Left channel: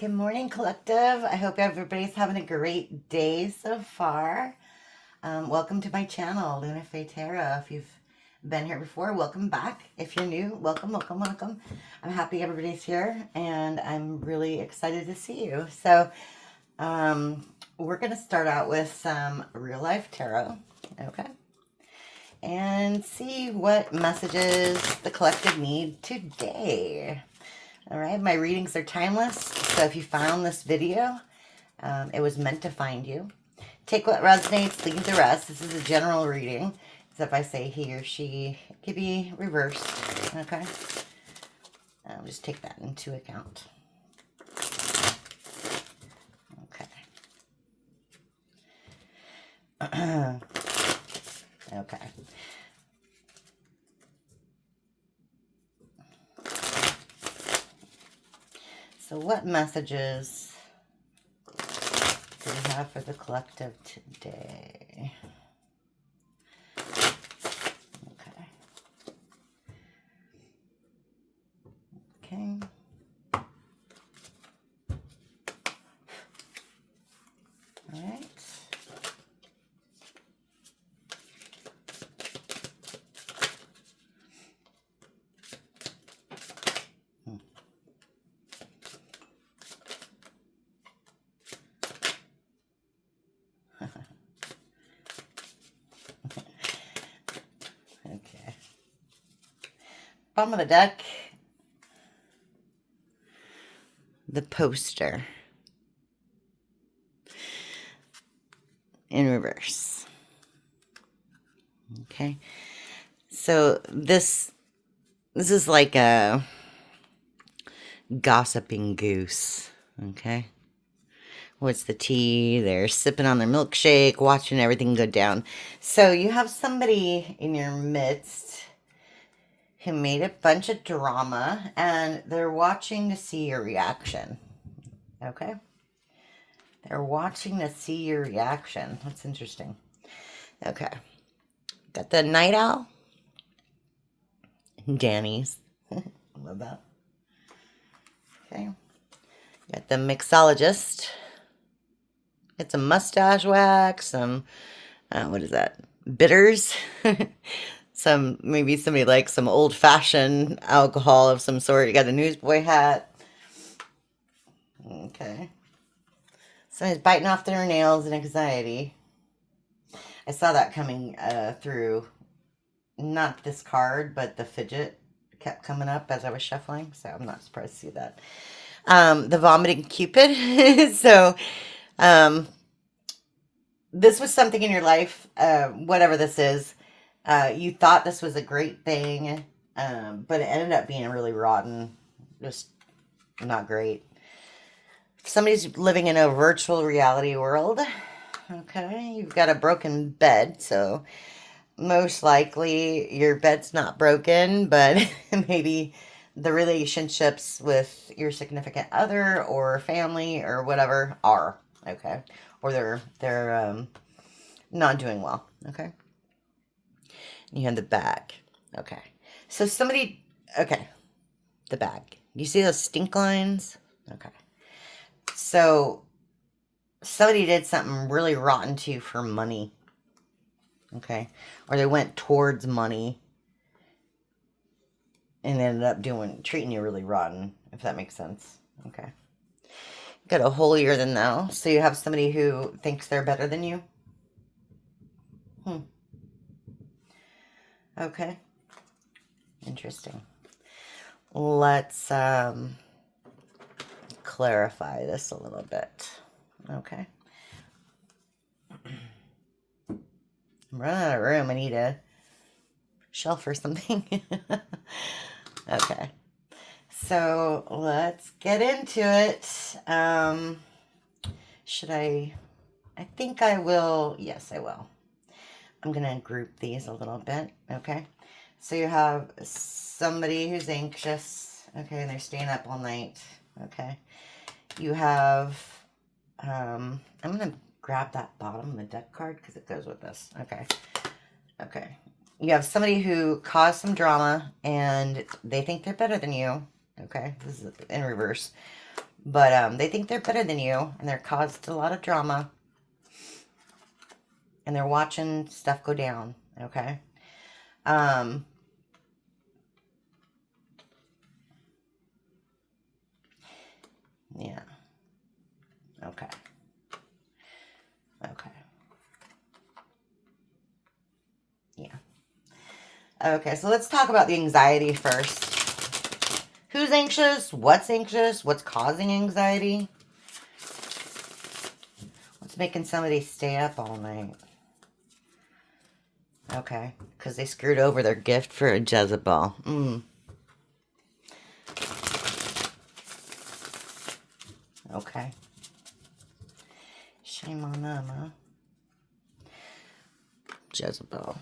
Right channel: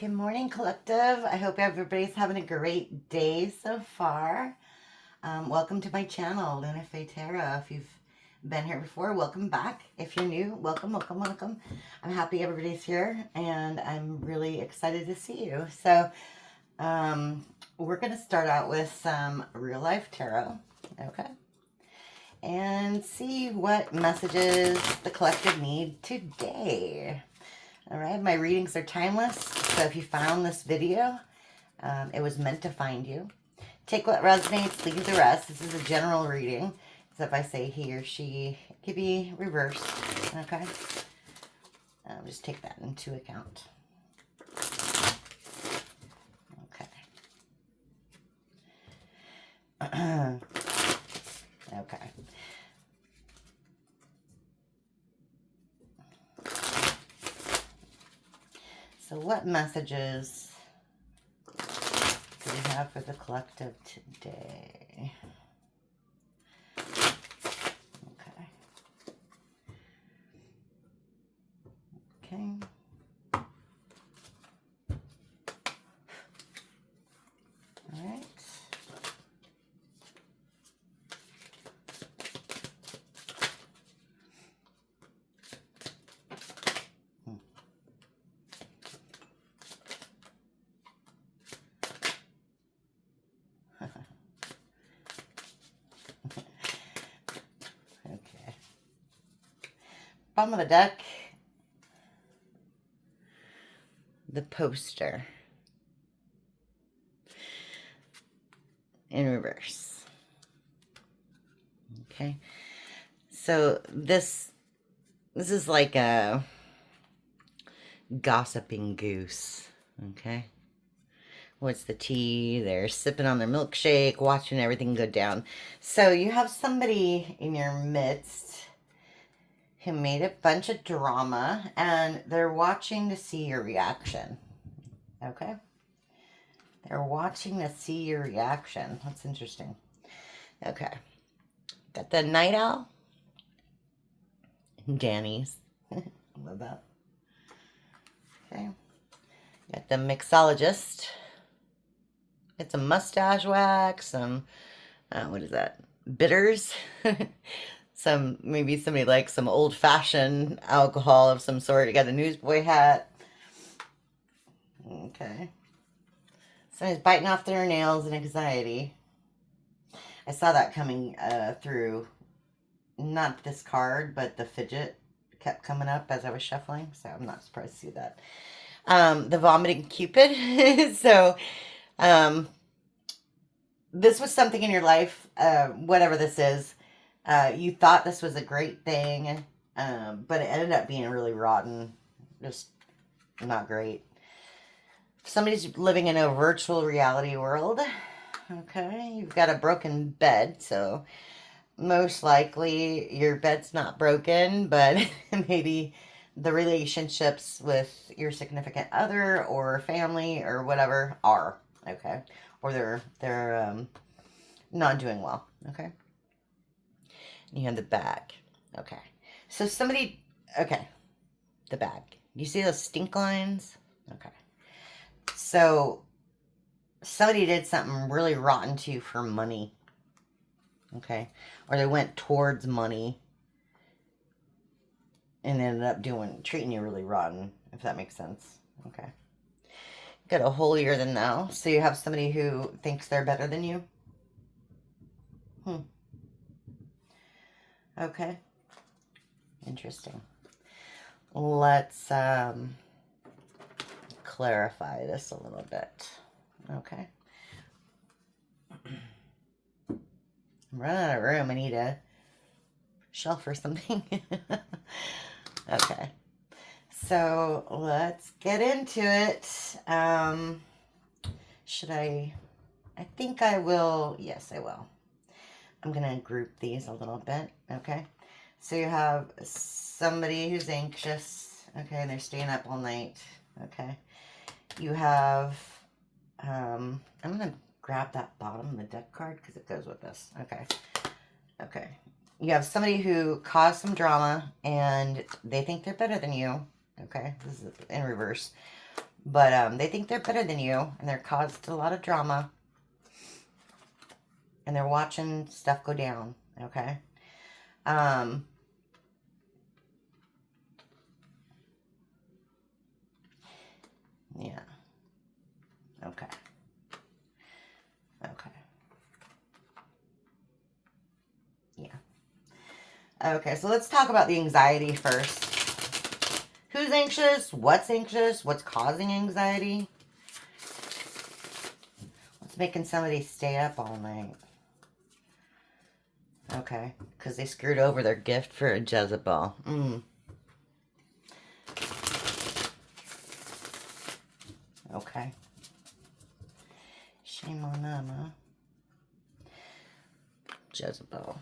Good morning, collective. I hope everybody's having a great day so far. Welcome to my channel, LunaFae Tarot. If you've been here before, welcome back. If you're new, welcome, welcome, welcome. I'm happy everybody's here, and I'm really excited to see you. So, we're going to start out with some real life tarot, okay? And see what messages the collective need today. All right, my readings are timeless, so if you found this video, it was meant to find you. Take what resonates, leave the rest. This is a general reading, so if I say he or she, it could be reversed, okay? I'll just take that into account. Okay. Okay. So what messages do we have for the collective today? Okay. Okay. All right. Okay. Bottom of the deck, the poster in reverse. Okay. So this is like a gossiping goose, okay? What's the tea? They're sipping on their milkshake, watching everything go down. So you have somebody in your midst who made a bunch of drama, and they're watching to see your reaction, okay? They're watching to see your reaction. That's interesting. Okay. Got the night owl. Danny's. Love that. Okay. Got the mixologist. Got some mustache wax, some, what is that? Bitters. Maybe somebody likes some old-fashioned alcohol of some sort. You got a newsboy hat. Okay. Somebody's biting off their nails in anxiety. I saw that coming through, not this card, but the fidget kept coming up as I was shuffling, so I'm not surprised to see that. The vomiting Cupid. So, this was something in your life, whatever this is, you thought this was a great thing, but it ended up being really rotten, just not great. Somebody's living in a virtual reality world, okay? You've got a broken bed, so most likely your bed's not broken, but maybe the relationships with your significant other or family or whatever are, okay? Or they're not doing well, okay? You have the bag, okay? So somebody, okay, the bag. You see those stink lines? Okay. So somebody did something really rotten to you for money, okay? Or they went towards money and ended up treating you really rotten, if that makes sense, okay? Got a holier than thou. So you have somebody who thinks they're better than you. Okay. Interesting. Let's clarify this a little bit. Okay. I'm running out of room. I need a shelf or something. Okay. So let's get into it. Should I think I will. Yes, I will. I'm going to group these a little bit. Okay. So you have somebody who's anxious. Okay. And they're staying up all night. Okay. You have, I'm going to grab that bottom of the deck card because it goes with this. Okay. Okay. You have somebody who caused some drama and they think they're better than you. Okay. This is in reverse. But they think they're better than you, and they're caused a lot of drama. And they're watching stuff go down, okay? Yeah. Okay. Okay. Yeah. Okay, so let's talk about the anxiety first. Who's anxious? What's anxious? What's causing anxiety? What's making somebody stay up all night? Okay, because they screwed over their gift for a Jezebel. Okay. Shame on them, huh? Jezebel.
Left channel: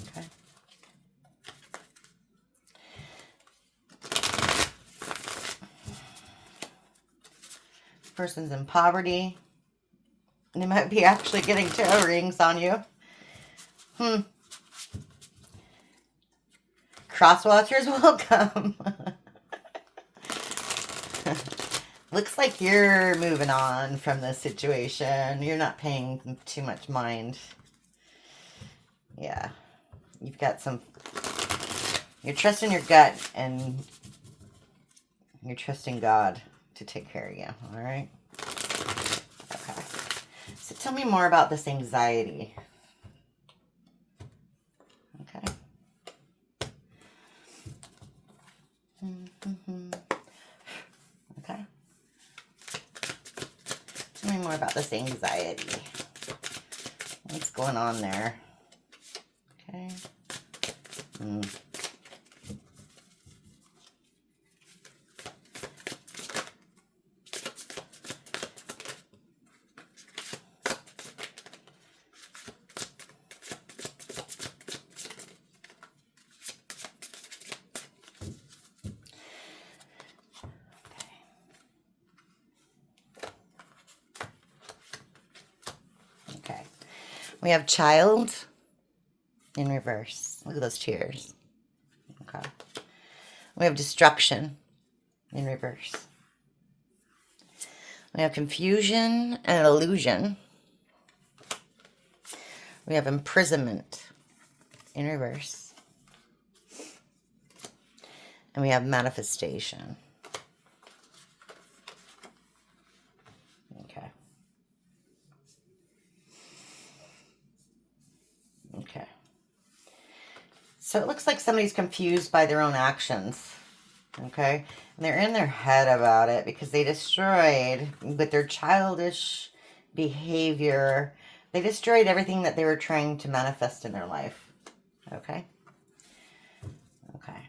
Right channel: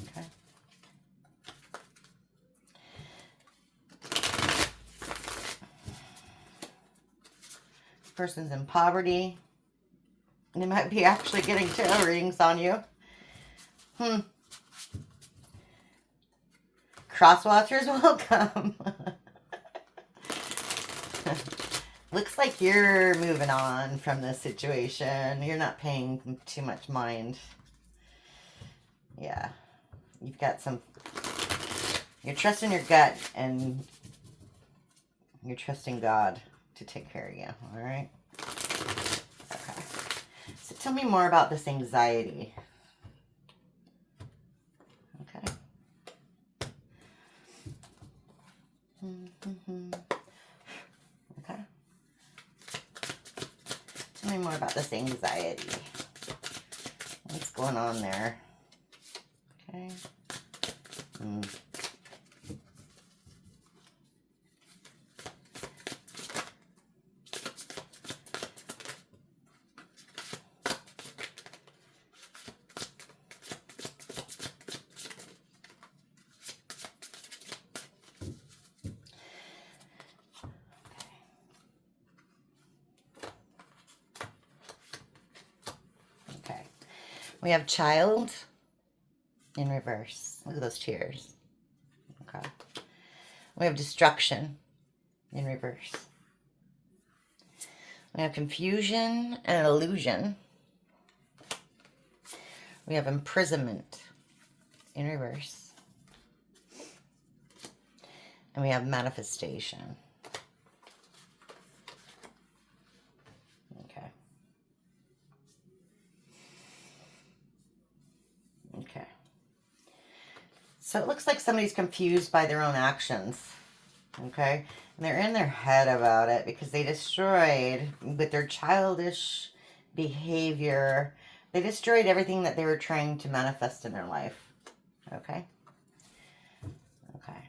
Okay. This person's in poverty. They might be actually getting tarot rings on you. Crosswatchers, welcome. Looks like you're moving on from this situation. You're not paying too much mind. Yeah. You've got some... You're trusting your gut and you're trusting God to take care of you. All right? Okay. So tell me more about this anxiety. Okay. Okay. Tell me more about this anxiety. What's going on there? Okay. Okay. We have child in reverse. Look at those tears. Okay. We have destruction in reverse. We have confusion and illusion. We have imprisonment in reverse. And we have manifestation. Okay. Okay. So it looks like somebody's confused by their own actions. Okay. And they're in their head about it because they destroyed, with their childish behavior, they destroyed everything that they were trying to manifest in their life. Okay. Okay.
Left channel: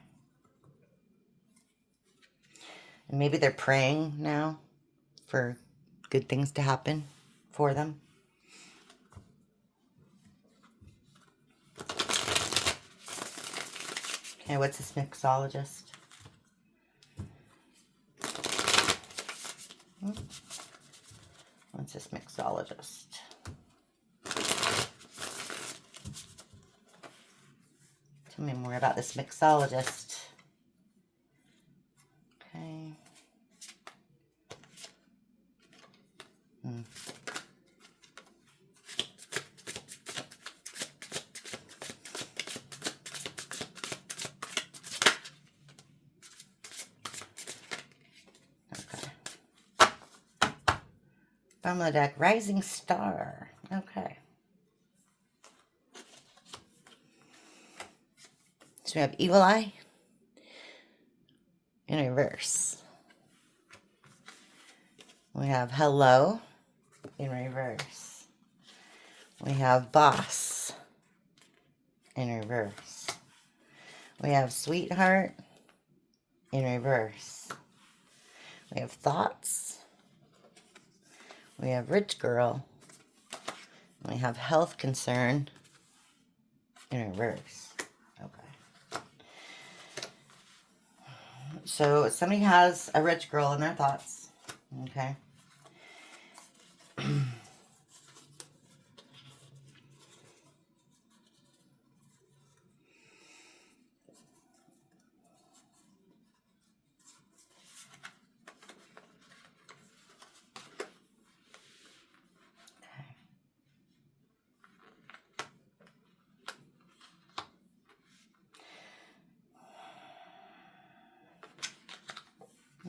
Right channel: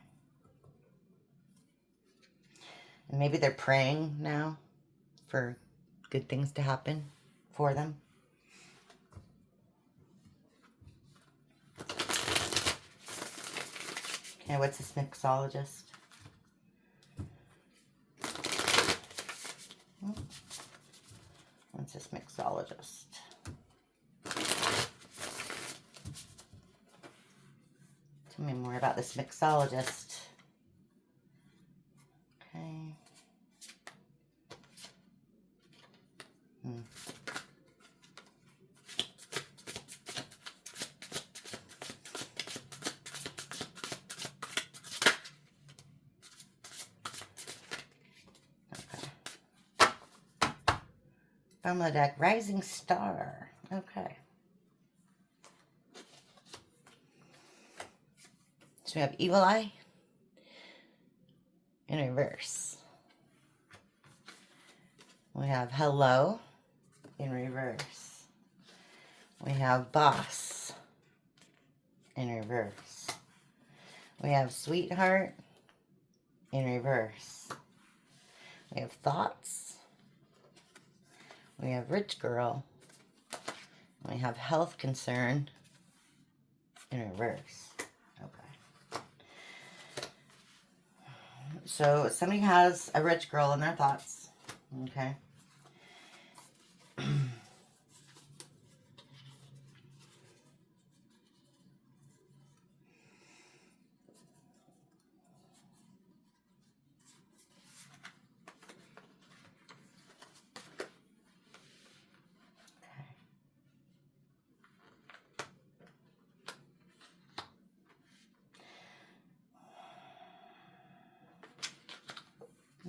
And maybe they're praying now for good things to happen for them. Okay, what's this mixologist? What's this mixologist? Tell me more about this mixologist. Okay. From the deck, Rising Star. Okay. So we have Evil Eye in reverse. We have Hello in reverse. We have Boss in reverse. We have Sweetheart in reverse. We have Thoughts. We have Rich Girl. We have Health Concern in reverse. Okay. So somebody has a rich girl in their thoughts. Okay.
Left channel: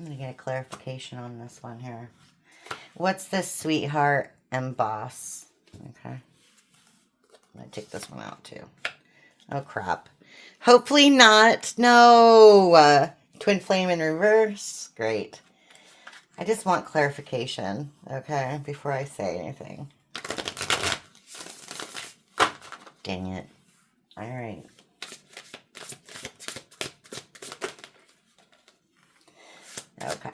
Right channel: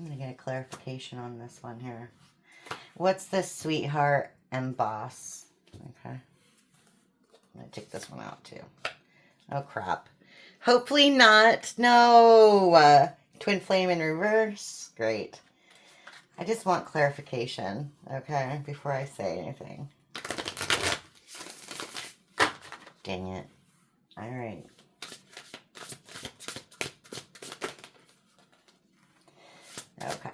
I'm going to get a clarification on this one here. What's this sweetheart emboss? Okay. I'm going to take this one out too. Oh, crap. Hopefully not. No. Twin flame in reverse. Great. I just want clarification, okay, before I say anything. Dang it. All right. Okay.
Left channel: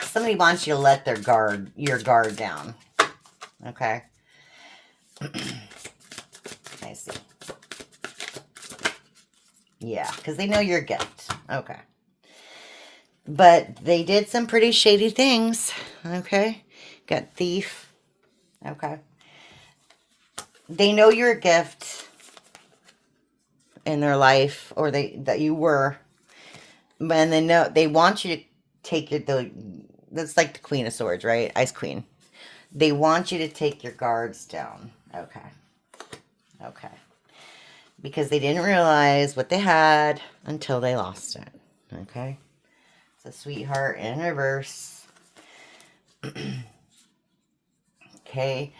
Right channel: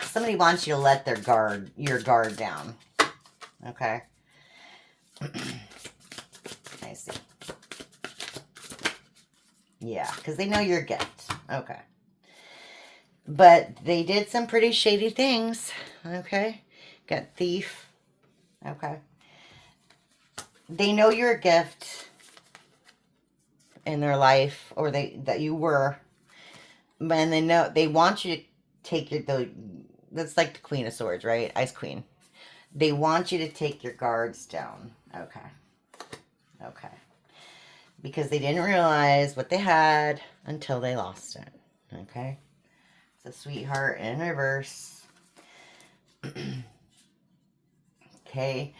Somebody wants you to let your guard down. Okay. I see. Yeah, because they know your gift. Okay. But they did some pretty shady things. Okay. Got thief. Okay. They know you're a gift in their life, or that you were. And they know they want you to take that's like the Queen of Swords, right? Ice Queen. They want you to take your guards down. Okay. Okay. Because they didn't realize what they had until they lost it. Okay. So sweetheart in reverse. Okay.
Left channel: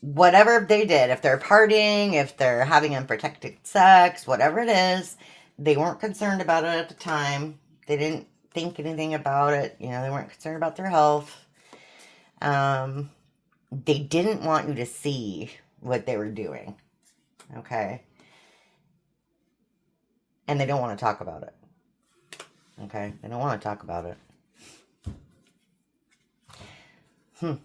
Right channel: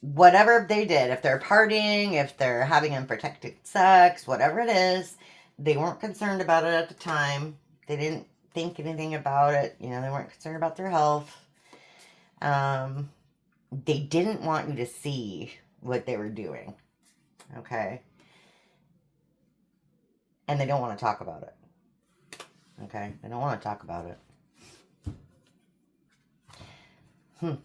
Whatever they did, if they're partying, if they're having unprotected sex, whatever it is, they weren't concerned about it at the time. They didn't think anything about it. You know, they weren't concerned about their health. They didn't want you to see what they were doing. Okay. And they don't want to talk about it. Okay. They don't want to talk about it.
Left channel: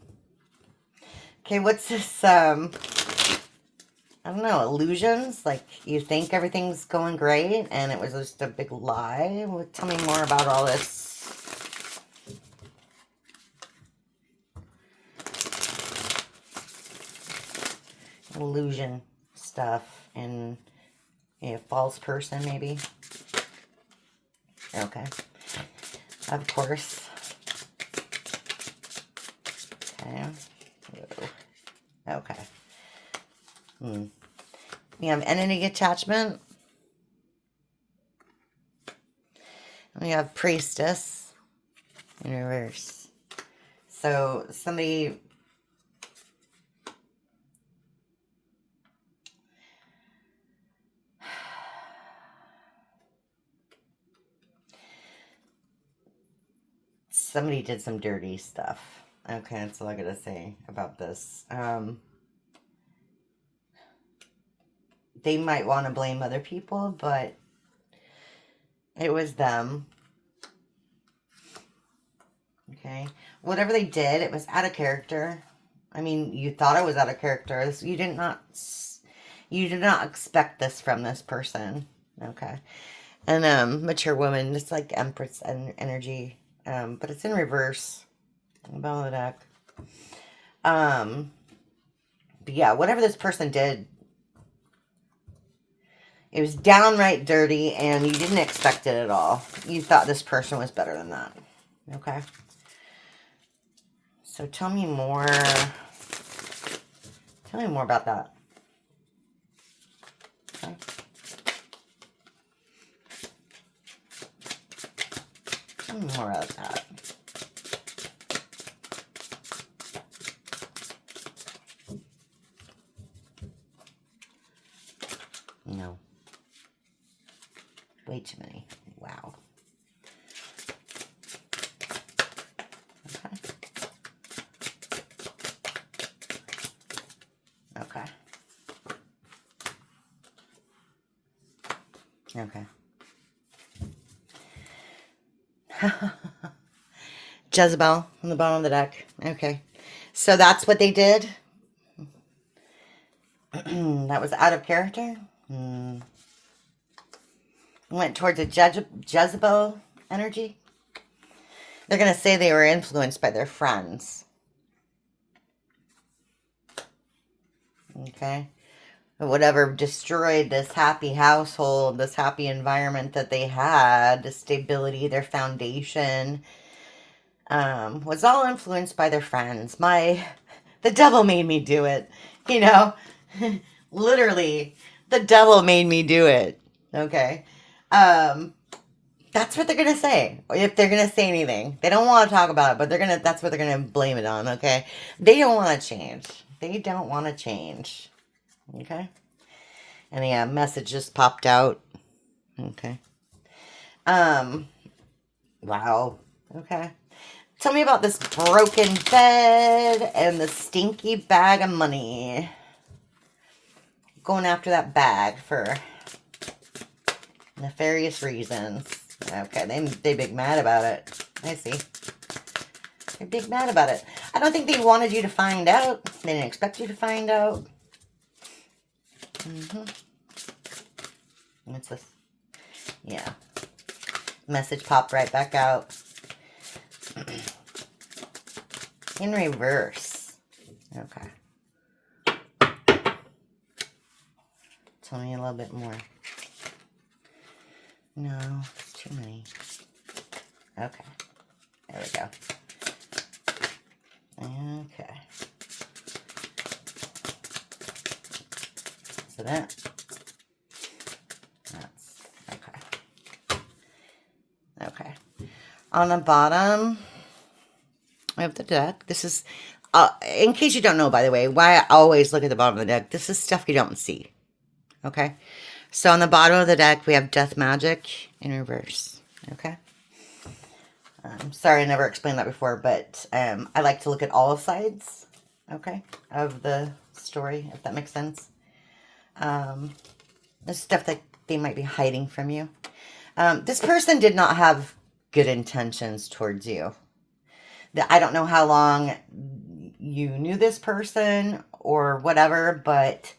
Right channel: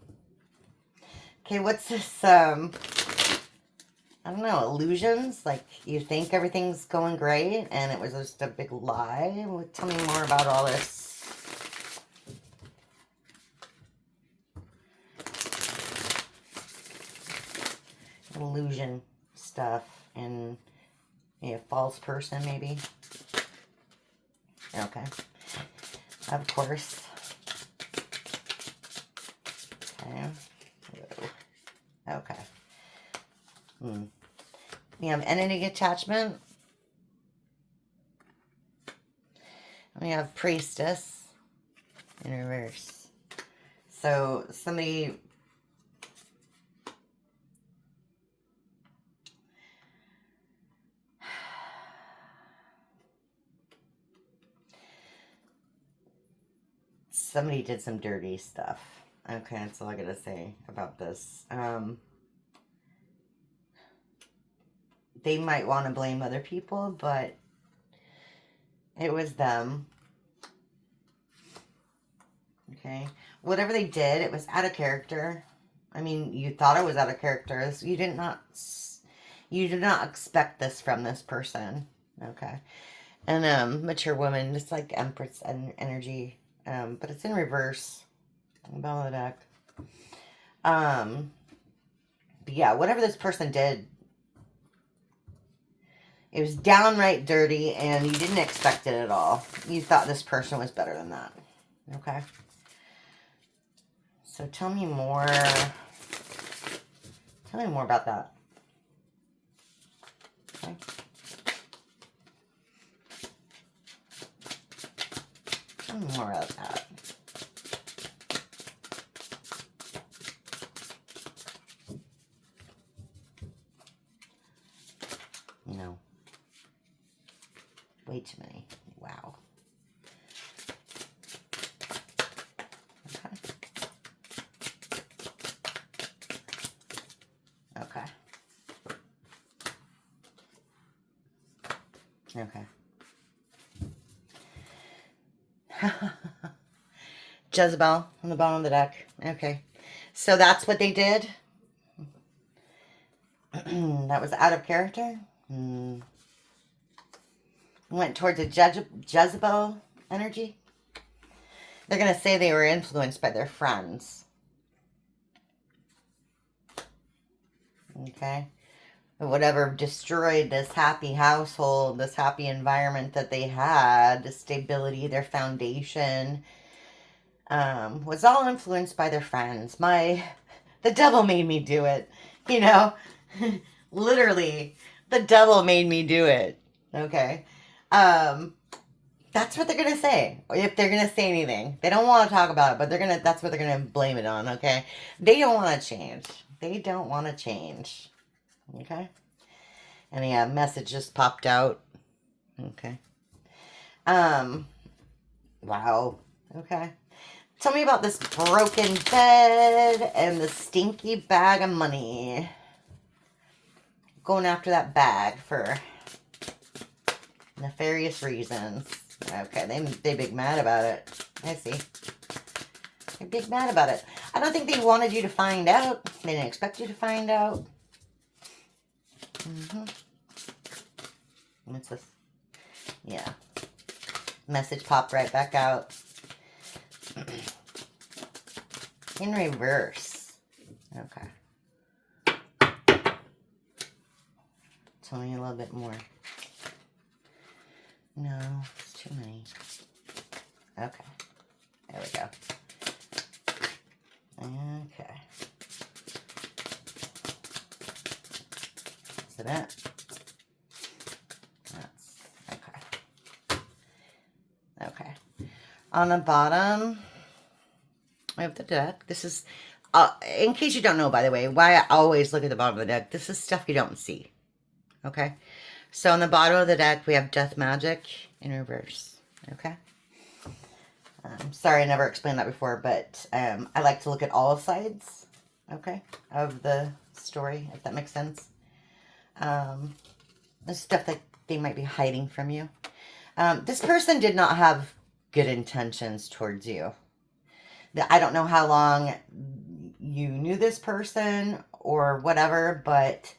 Okay, what's this, I don't know, illusions? Like, you think everything's going great, and it was just a big lie? Well, tell me more about all this. Illusion stuff, and a false person, maybe? Okay. Of course. Okay. Okay. We have entity attachment. We have priestess in reverse. So somebody did some dirty stuff. Okay, that's all I gotta say about this. They might want to blame other people, but it was them. Okay. Whatever they did, it was out of character. I mean, you thought it was out of character. You did not expect this from this person. Okay. And mature woman, just like Empress and energy. But it's in reverse. Bottom of the deck. But yeah, whatever this person did, it was downright dirty, and you didn't expect it at all. You thought this person was better than that. Okay? So tell me more. Tell me more about that. Okay? Tell me more about that. No. Way too many. Wow. Okay. Okay. Jezebel on the bottom of the deck. Okay. So that's what they did. That was out of character. Went towards a Jezebel energy. They're going to say they were influenced by their friends. Okay. Whatever destroyed this happy household, this happy environment that they had, the stability, their foundation, was all influenced by their friends. The devil made me do it. You know, literally, the devil made me do it. Okay. Um, that's what they're gonna say. If they're gonna say anything. They don't want to talk about it, but that's what they're gonna blame it on, okay? They don't want to change. They don't want to change. Okay? And yeah, message just popped out. Okay. Um, wow. Okay. Tell me about this broken bed and the stinky bag of money. Going after that bag for nefarious reasons. Okay, they big mad about it. I see. They're big mad about it. I don't think they wanted you to find out. They didn't expect you to find out. What's this? Yeah. Message popped right back out. In reverse. Okay. Tell me a little bit more. No, it's too many. Okay. There we go. Okay. So that. That's okay. Okay. On the bottom of the deck, this is, in case you don't know, by the way, why I always look at the bottom of the deck, this is stuff you don't see. Okay? So on the bottom of the deck, we have Death Magic in reverse. Okay? Sorry, I never explained that before, but I like to look at all sides, okay, of the story, if that makes sense. There's stuff that they might be hiding from you. This person did not have good intentions towards you. I don't know how long you knew this person or whatever, but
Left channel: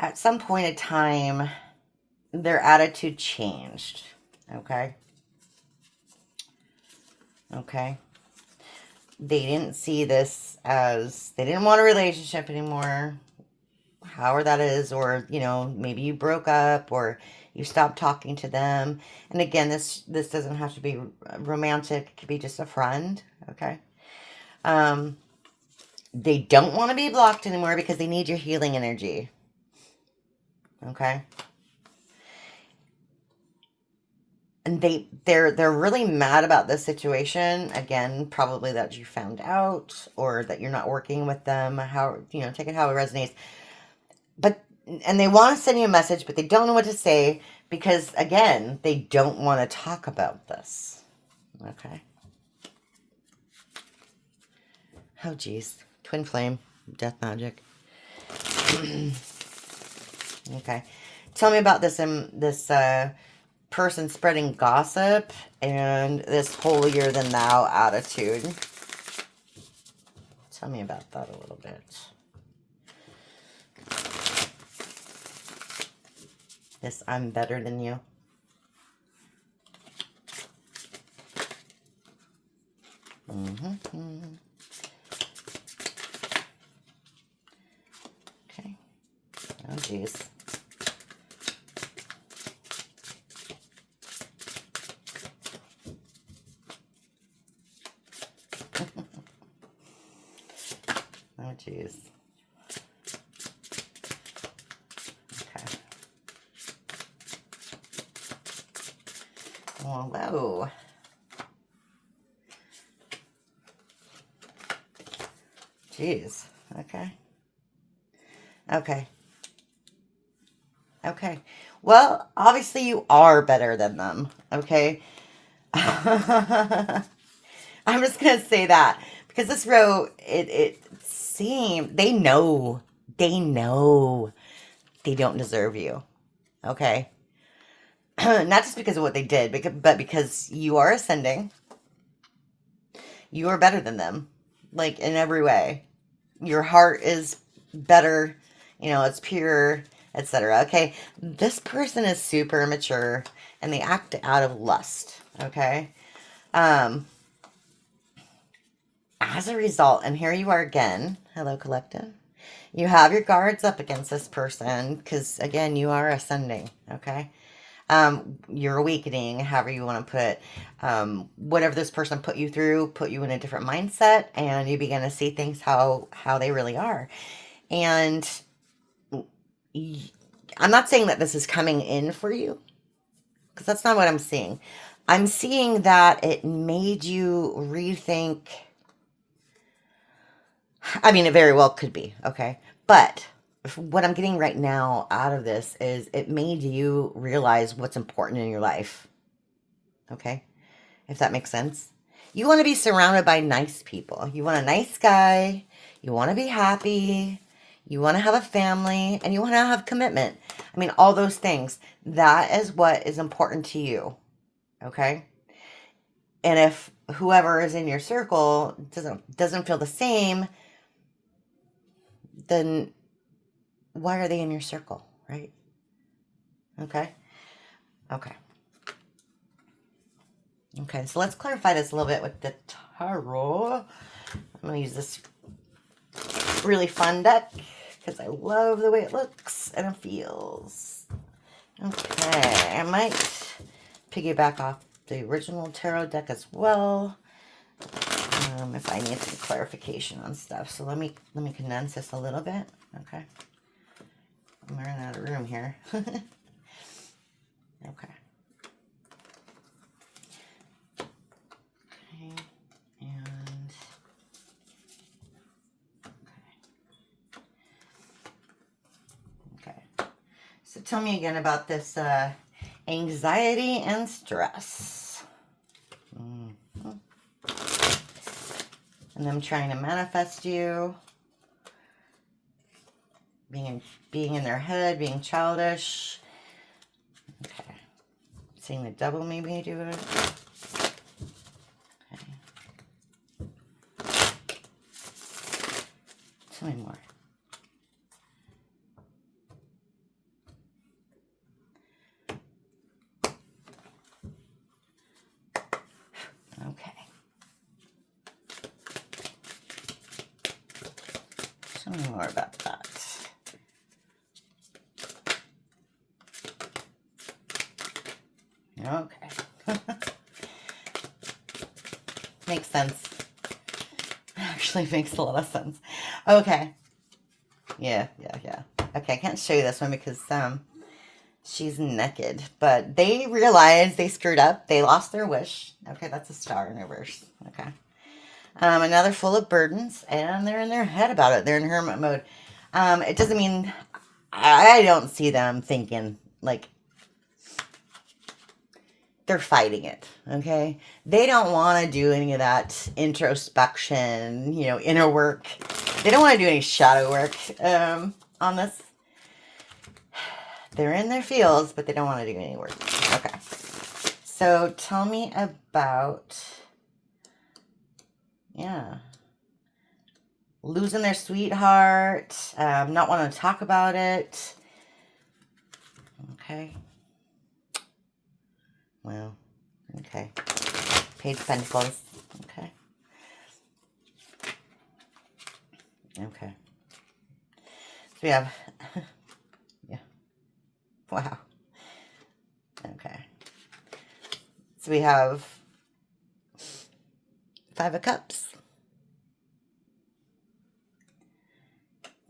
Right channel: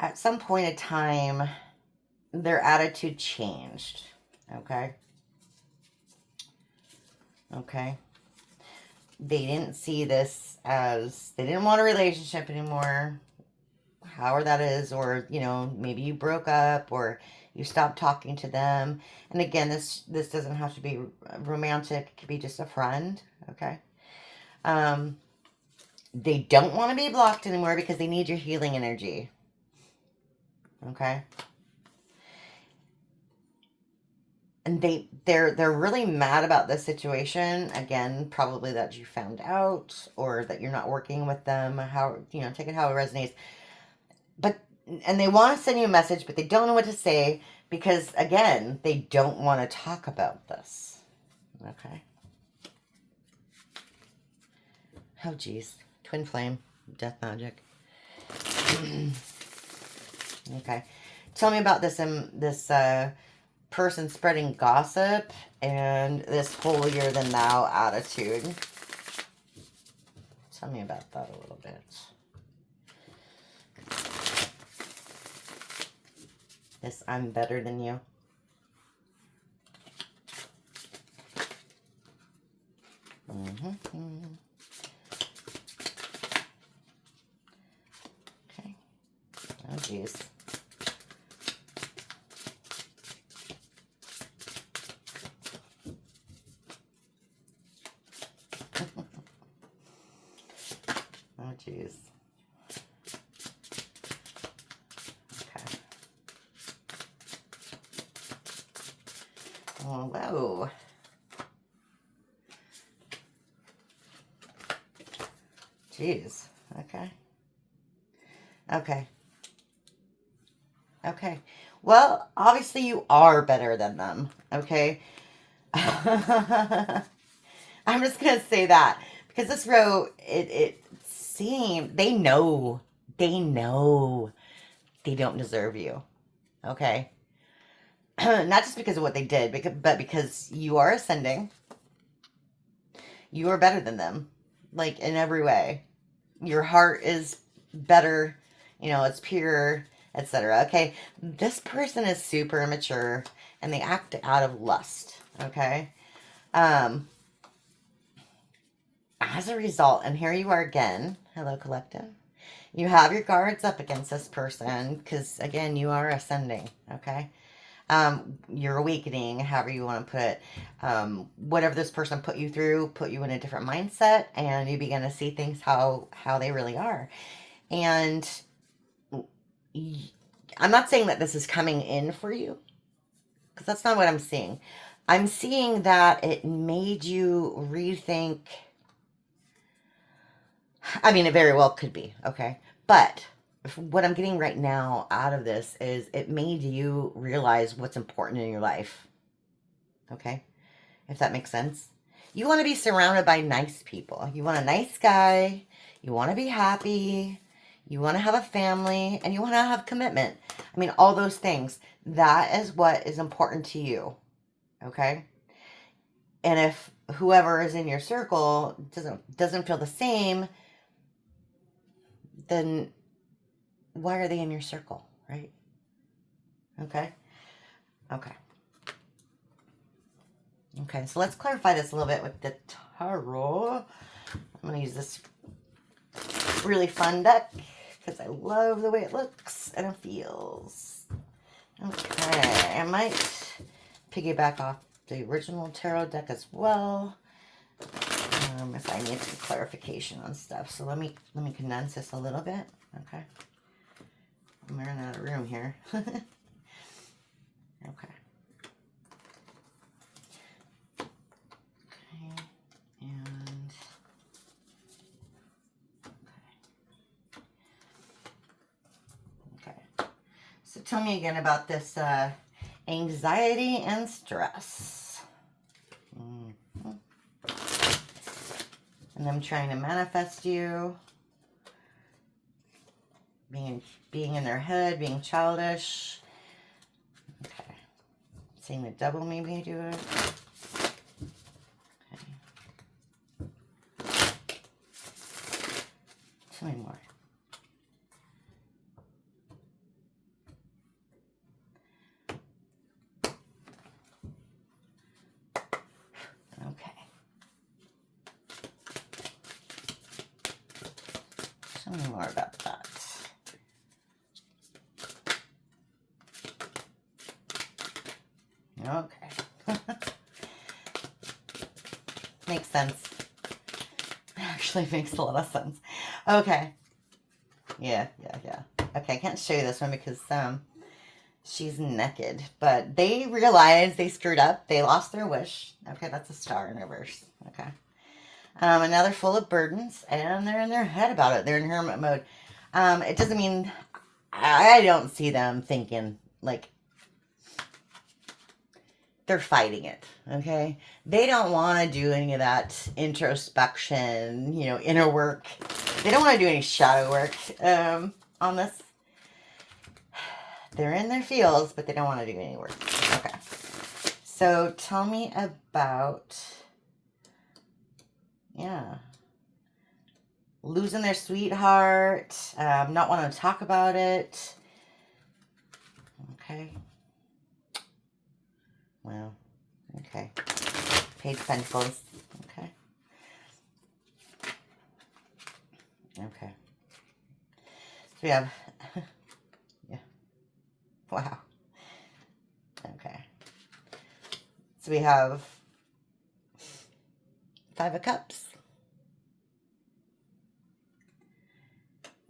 at some point in time, their attitude changed, okay? Okay. They didn't see this as, they didn't want a relationship anymore, however that is, or, you know, maybe you broke up or you stopped talking to them. And again, this doesn't have to be romantic. It could be just a friend, okay? They don't want to be blocked anymore because they need your healing energy, okay? And they're really mad about this situation. Again, probably that you found out or that you're not working with them. How, you know, take it how it resonates. But, and they want to send you a message, but they don't know what to say because, again, they don't want to talk about this. Okay. Oh, geez. Twin flame. Death magic. Okay. Tell me about this, person spreading gossip and this holier than thou attitude. Tell me about that a little bit. This I'm better than you. Okay. Oh, geez. Oh, geez. Okay. Oh, whoa. Jeez. Okay. Okay. Okay. Well, obviously you are better than them. Okay. I'm just going to say that because this row, it seemed, they know they don't deserve you. Okay. Not just because of what they did, but because you are ascending. You are better than them. Like in every way. Your heart is better. You know, it's pure, etc. Okay. This person is super immature and they act out of lust. Okay. As a result, and here you are again. Hello, collective. You have your guards up against this person because, again, you are ascending, okay? You're awakening, however you want to put whatever this person put you through, put you in a different mindset, and you begin to see things how they really are. And I'm not saying that this is coming in for you, Because that's not what I'm seeing. I'm seeing that it made you rethink. I mean, it very well could be, okay? But what I'm getting right now out of this is it made you realize what's important in your life, okay? If that makes sense. You want to be surrounded by nice people. You want a nice guy. You want to be happy. You want to have a family. And you want to have commitment. I mean, all those things. That is what is important to you, okay? And if whoever is in your circle doesn't feel the same, then why are they in your circle, right? Okay. Okay. Okay, so let's clarify this a little bit with the tarot. I'm going to use this really fun deck because I love the way it looks and it feels. Okay, I might piggyback off the original tarot deck as well if I need some clarification on stuff. So let me condense this a little bit. Okay, I'm running out of room here. Okay. And okay. So tell me again about this anxiety and stress. Mm-hmm. And them trying to manifest you. Being in their head, being childish. Okay. Seeing the devil maybe do it. Tell me more. Okay. Tell me more about that. Okay. Makes sense. Actually makes a lot of sense. Okay. Yeah. Okay, I can't show you this one because she's naked. But they realized they screwed up. They lost their wish. Okay, that's a star in reverse. Okay. Another full of burdens, and they're in their head about it. They're in hermit mode. It doesn't mean I don't see them thinking like they're fighting it, okay? They don't want to do any of that introspection, inner work. They don't want to do any shadow work on this. They're in their feels, but they don't want to do any work. Okay. So tell me about, losing their sweetheart, not wanting to talk about it. Okay. Wow. Okay. Page of Pentacles. Okay. Okay. So we have, yeah. Wow. Okay. So we have 5 of Cups.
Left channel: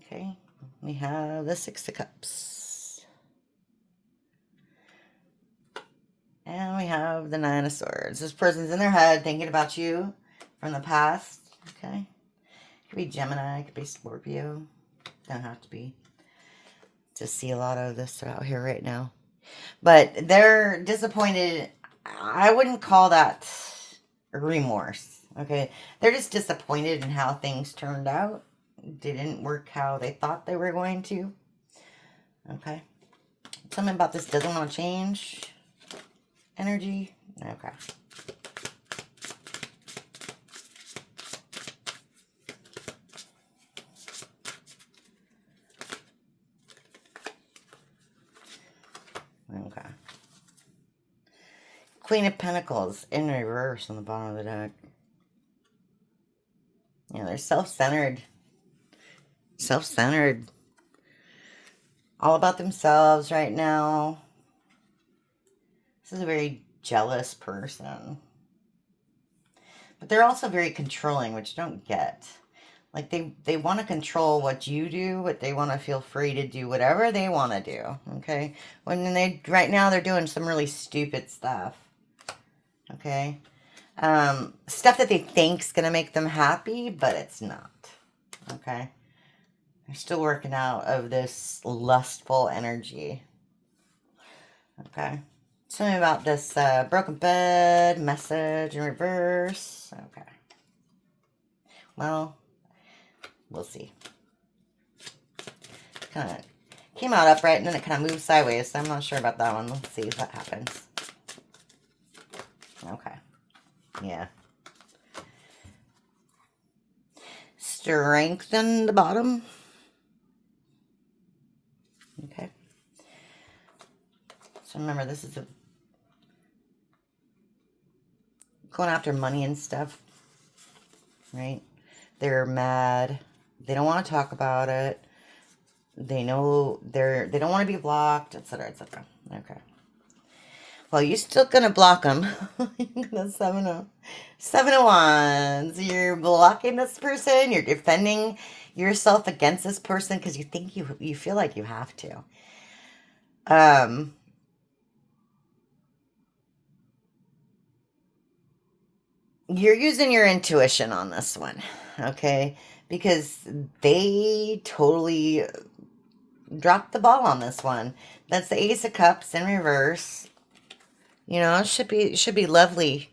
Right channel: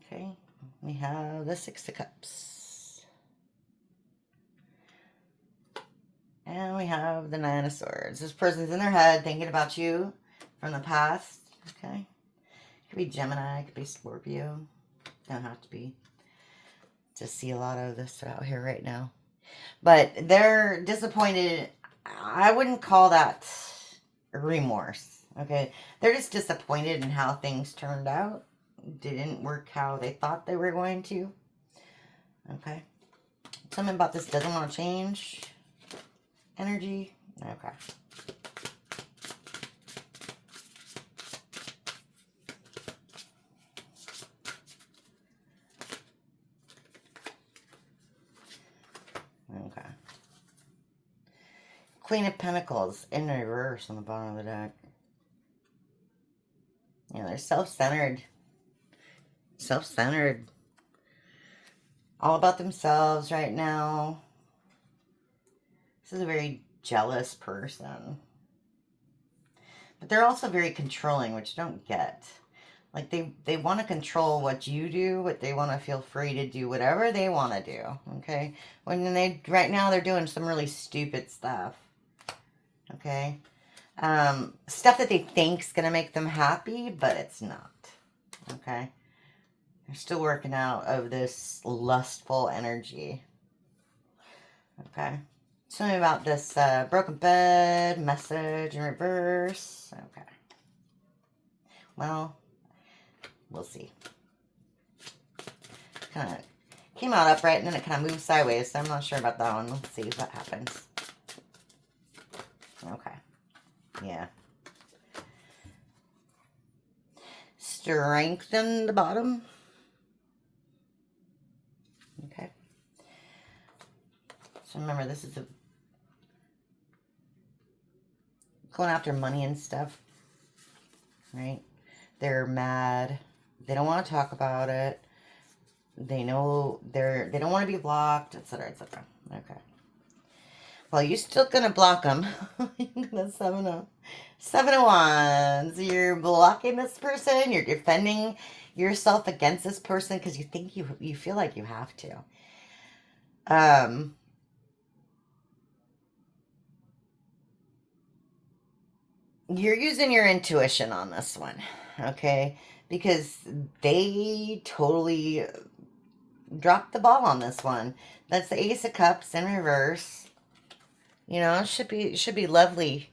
Okay. We have the 6 of Cups. And we have the 9 of Swords. This person's in their head thinking about you from the past. Okay. Could be Gemini. Could be Scorpio. Don't have to be. Just see a lot of this out here right now. But they're disappointed. I wouldn't call that remorse. Okay. They're just disappointed in how things turned out. Didn't work how they thought they were going to. Okay. Something about this doesn't want to change. Energy. Okay. Okay. Queen of Pentacles in reverse on the bottom of the deck. They're self-centered. Self-centered. All about themselves right now. This is a very jealous person. But they're also very controlling, which you don't get. Like they want to control what you do, but they want to feel free to do whatever they want to do. Okay. When right now they're doing some really stupid stuff. Okay. Stuff that they think's gonna make them happy, but it's not. Okay. They're still working out of this lustful energy. Okay. Tell me about this broken bed message in reverse. Okay. Well, we'll see. Kind of came out upright and then it kind of moved sideways, so I'm not sure about that one. Let's see what happens. Okay. Yeah. Strengthen the bottom. Okay. So remember, this is going after money and stuff, right? They're mad. They don't want to talk about it. They know they don't want to be blocked, etc., etc. Okay. Well, you're still gonna block them. You're gonna 7 of Wands. You're blocking this person. You're defending yourself against this person because you think you feel like you have to. You're using your intuition on this one, okay? Because they totally dropped the ball on this one. That's the Ace of Cups in reverse. You know, it should be lovely.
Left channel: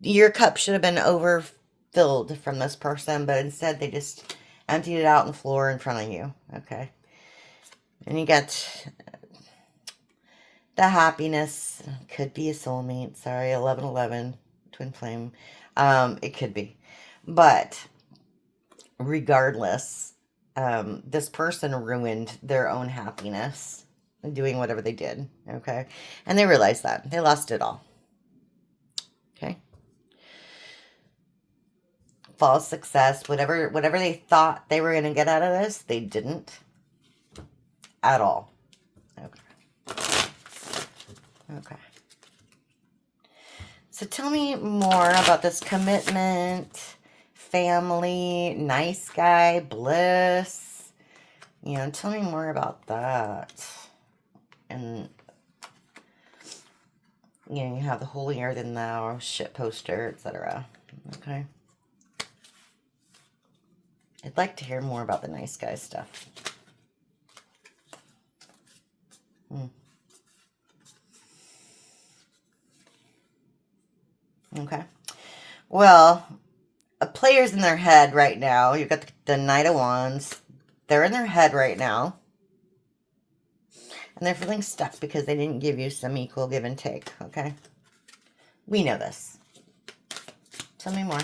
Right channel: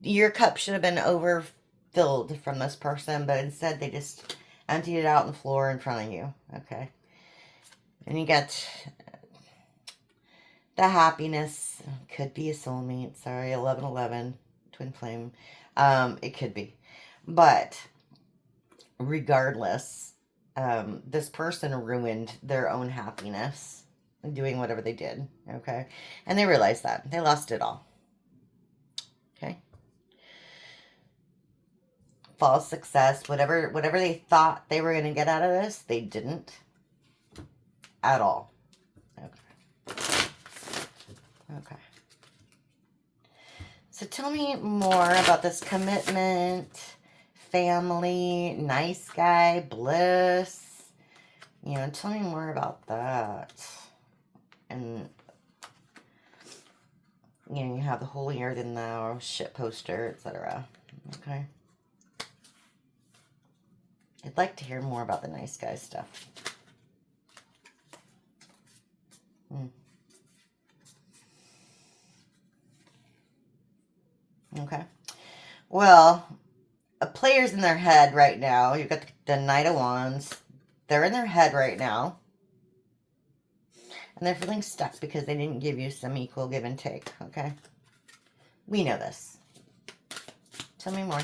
Your cup should have been overfilled from this person, but instead they just emptied it out on the floor in front of you, okay? And you got the happiness. Could be a soulmate. Sorry, 1111. Twin flame. It could be. But regardless, this person ruined their own happiness doing whatever they did, okay? And they realized that. They lost it all. Okay? False success, whatever they thought they were going to get out of this, they didn't at all. Okay. Okay. So tell me more about this commitment, family, nice guy, bliss. You know, tell me more about that. And, you know, you have the holier than thou, shit poster, etc. Okay. I'd like to hear more about the nice guy stuff. Okay. Well, a player's in their head right now. You've got the Knight of Wands. They're in their head right now. And they're feeling stuck because they didn't give you some equal give and take, okay? We know this. Tell me more.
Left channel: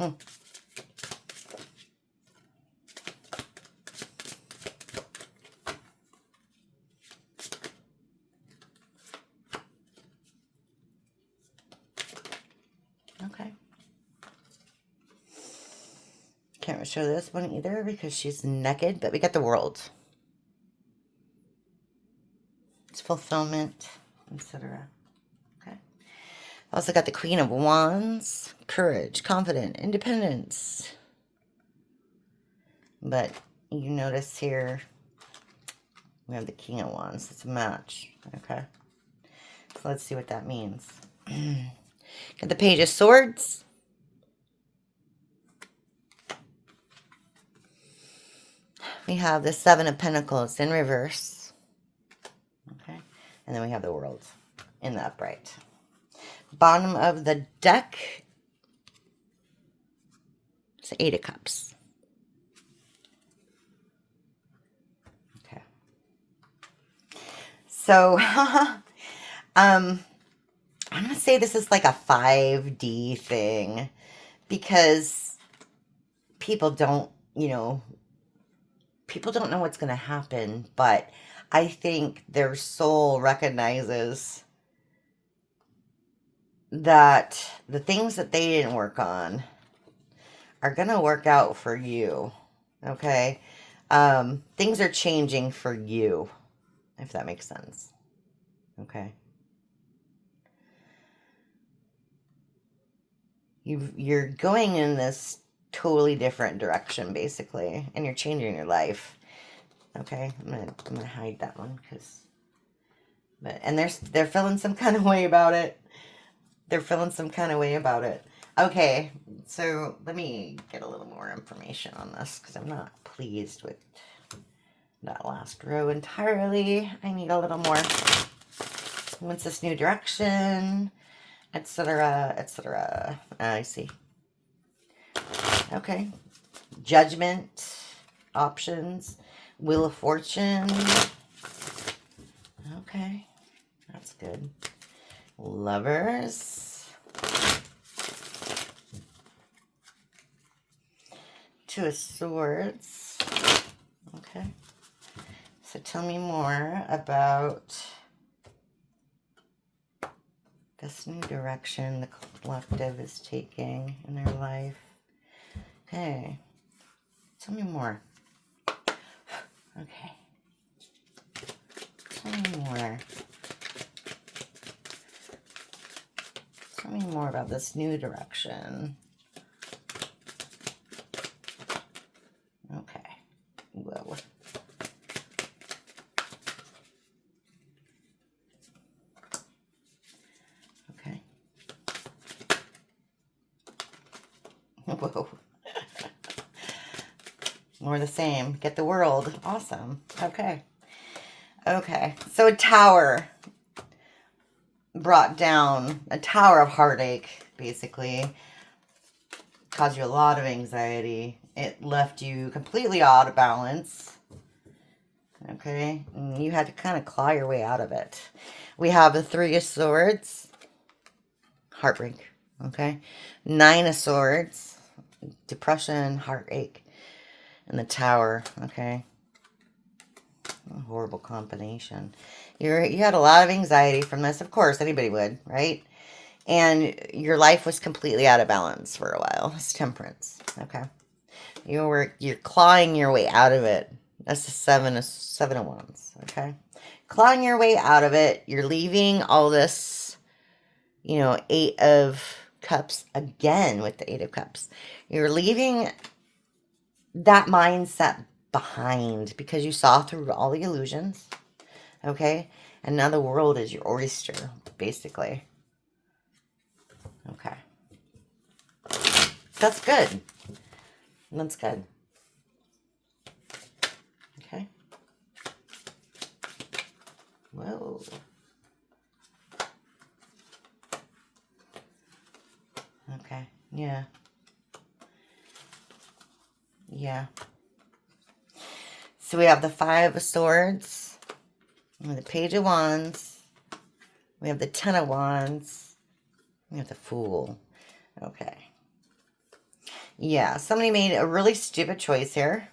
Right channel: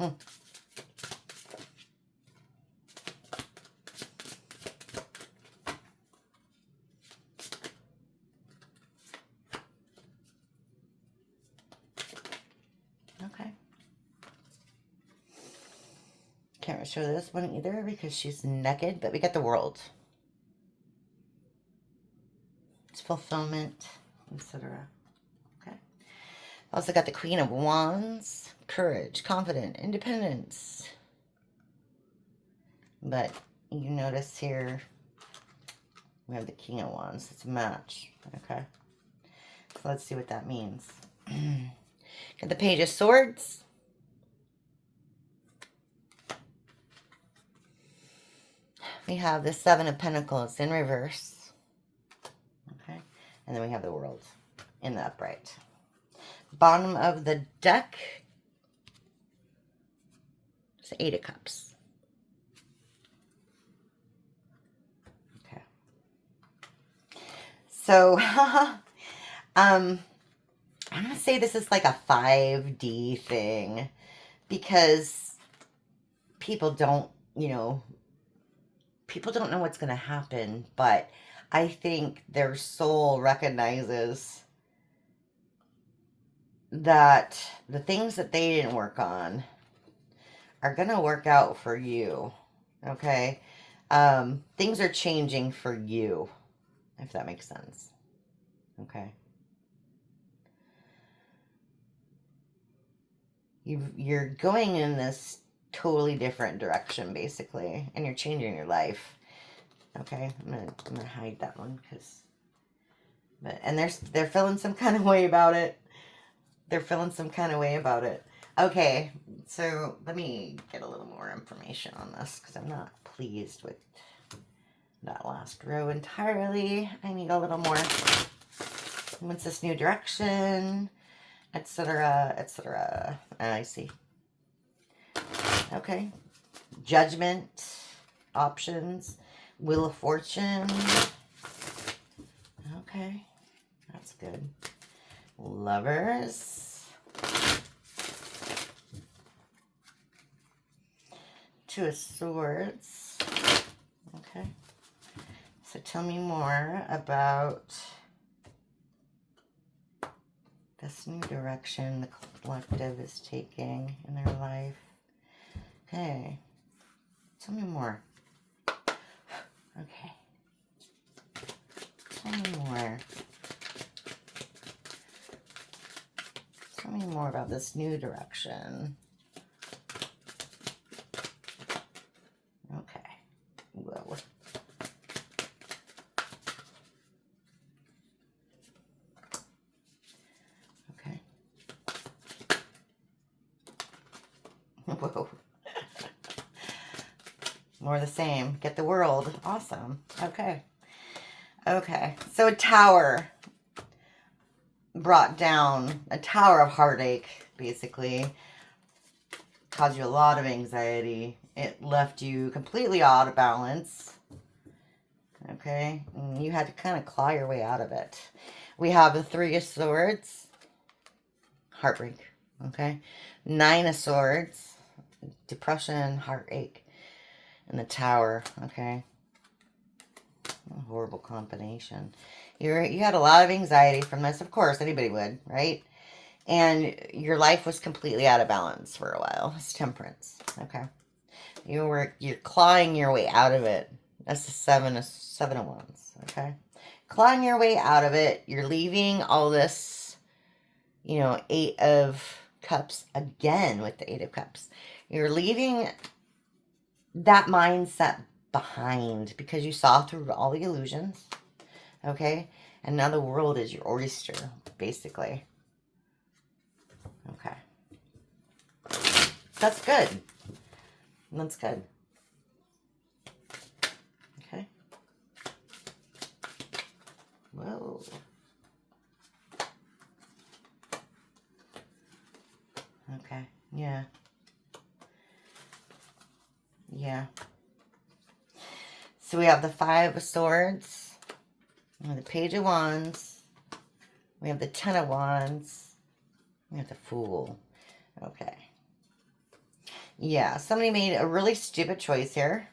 Okay. Can't show this one either because she's naked, but we got the World. It's fulfillment, etc. Okay. Also got the Queen of Wands, courage, confident, independence. But you notice here, we have the King of Wands. It's a match, okay? So let's see what that means. Got the Page of Swords. We have the Seven of Pentacles in reverse. Okay. And then we have the World in the upright. Bottom of the deck. It's the Eight of Cups. Okay. So, I'm going to say this is like a 5D thing because people don't, you know, people don't know what's going to happen, but I think their soul recognizes that the things that they didn't work on are going to work out for you, okay? Things are changing for you, if that makes sense, okay? You're going in this totally different direction, basically, and you're changing your life. Okay, I'm gonna hide that one and they're feeling some kind of way about it. They're feeling some kind of way about it. Okay, so let me get a little more information on this because I'm not pleased with that last row entirely. I need a little more. What's this new direction, etc., etc. I see. Okay. Judgment, options, Wheel of Fortune. Okay, that's good. Lovers. Two of Swords. Okay. So tell me more about this new direction the collective is taking in their life. Okay. Tell me more. Okay. Tell me more. Tell me more about this new direction. Okay. Whoa. Okay. Whoa. More of the same. Get the world. Awesome. Okay. Okay. So a tower brought down, a tower of heartache, basically, caused you a lot of anxiety. It left you completely out of balance. Okay. And you had to kind of claw your way out of it. We have the Three of Swords. Heartbreak. Okay. Nine of Swords. Depression, heartache. And the Tower. Okay. A horrible combination. You had a lot of anxiety from this. Of course, anybody would, right? And your life was completely out of balance for a while. It's Temperance. Okay. You're clawing your way out of it. That's the seven of Wands. Okay. Clawing your way out of it. You're leaving all this, Eight of Cups again with the Eight of Cups. You're leaving that mindset behind because you saw through all the illusions. Okay. And now the world is your oyster, basically. Okay. That's good. That's good. Okay. Whoa. Okay. Yeah. Yeah. So we have the Five of Swords. We have the Page of Wands. We have the Ten of Wands. We have the Fool. Okay. Yeah, somebody made a really stupid choice here.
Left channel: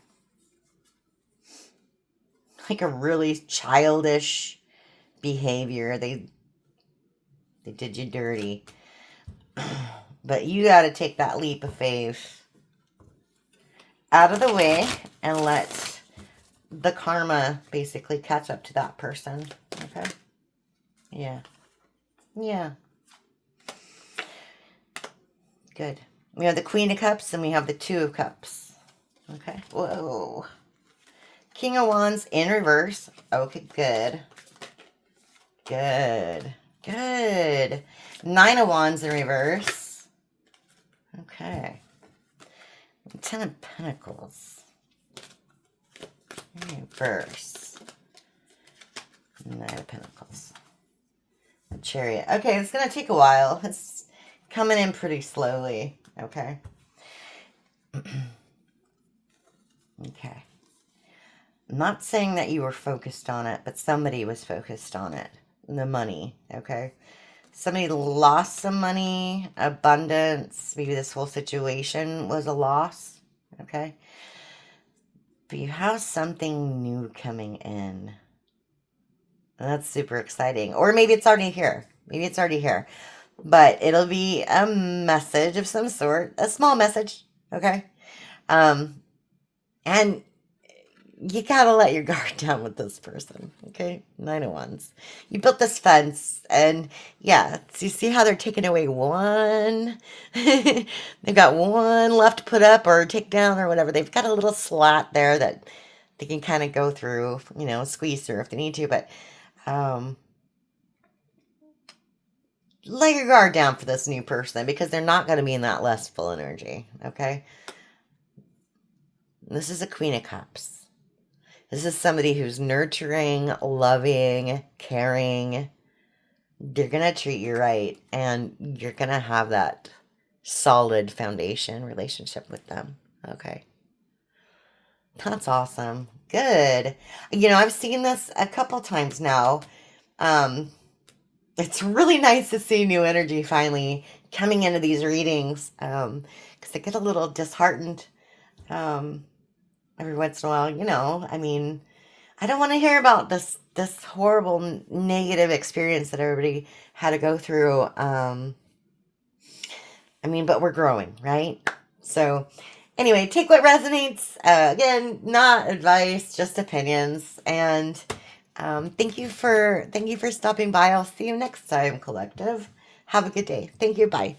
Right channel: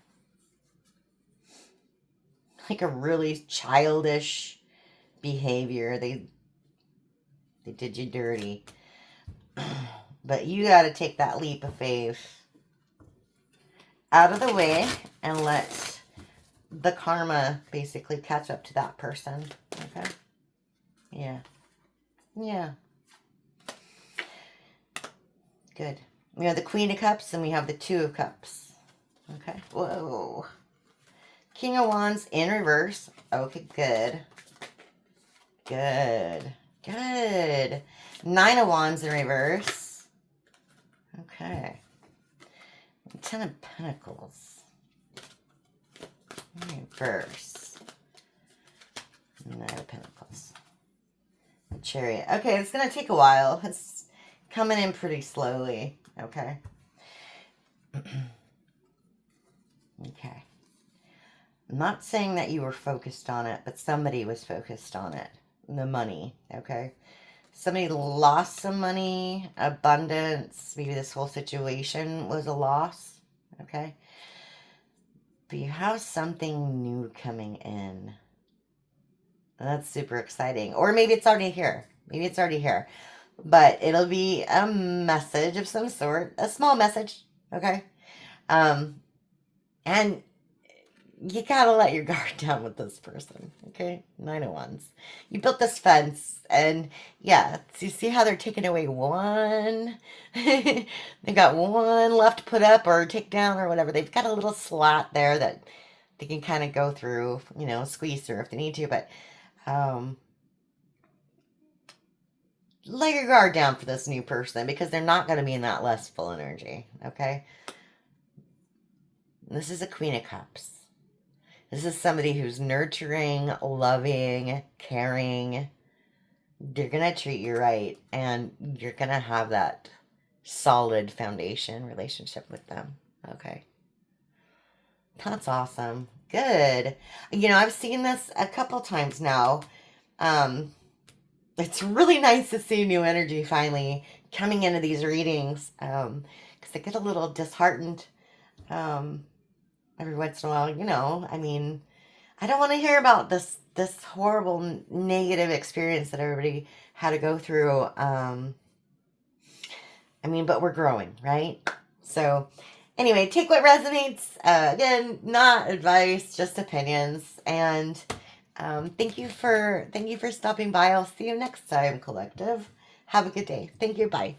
Like a really childish behavior. They did you dirty. But you got to take that leap of faith out of the way and let the karma basically catch up to that person. Okay? Yeah. Yeah. Good. We have the Queen of Cups and we have the Two of Cups. Okay. Whoa. King of Wands in reverse. Okay, good. Good. Good. Nine of Wands in reverse. Okay. Ten of Pentacles. In reverse. Nine of Pentacles. The Chariot. Okay, it's going to take a while. It's coming in pretty slowly. Okay. Okay. I'm not saying that you were focused on it, but somebody was focused on it. The money. Okay. Somebody lost some money, abundance. Maybe this whole situation was a loss. Okay. But you have something new coming in. That's super exciting. Or maybe it's already here. Maybe it's already here. But it'll be a message of some sort. A small message. Okay. And you gotta let your guard down with this person, okay? Nine of Wands. You built this fence, and yeah, so you see how they're taking away one? They've got one left to put up or take down or whatever. They've got a little slat there that they can kind of go through, you know, squeeze through if they need to, but um, let your guard down for this new person because they're not going to be in that lustful energy, okay? This is a Queen of Cups. This is somebody who's nurturing, loving, caring. They're going to treat you right, and you're going to have that solid foundation relationship with them, okay? That's awesome. Good. You know, I've seen this a couple times now. It's really nice to see new energy finally coming into these readings because I get a little disheartened every once in a while. You know, I mean, I don't want to hear about this horrible negative experience that everybody had to go through. I mean, but we're growing, right? So anyway, take what resonates. Again, not advice, just opinions. And thank you for stopping by. I'll see you next time, collective. Have a good day. Thank you. Bye.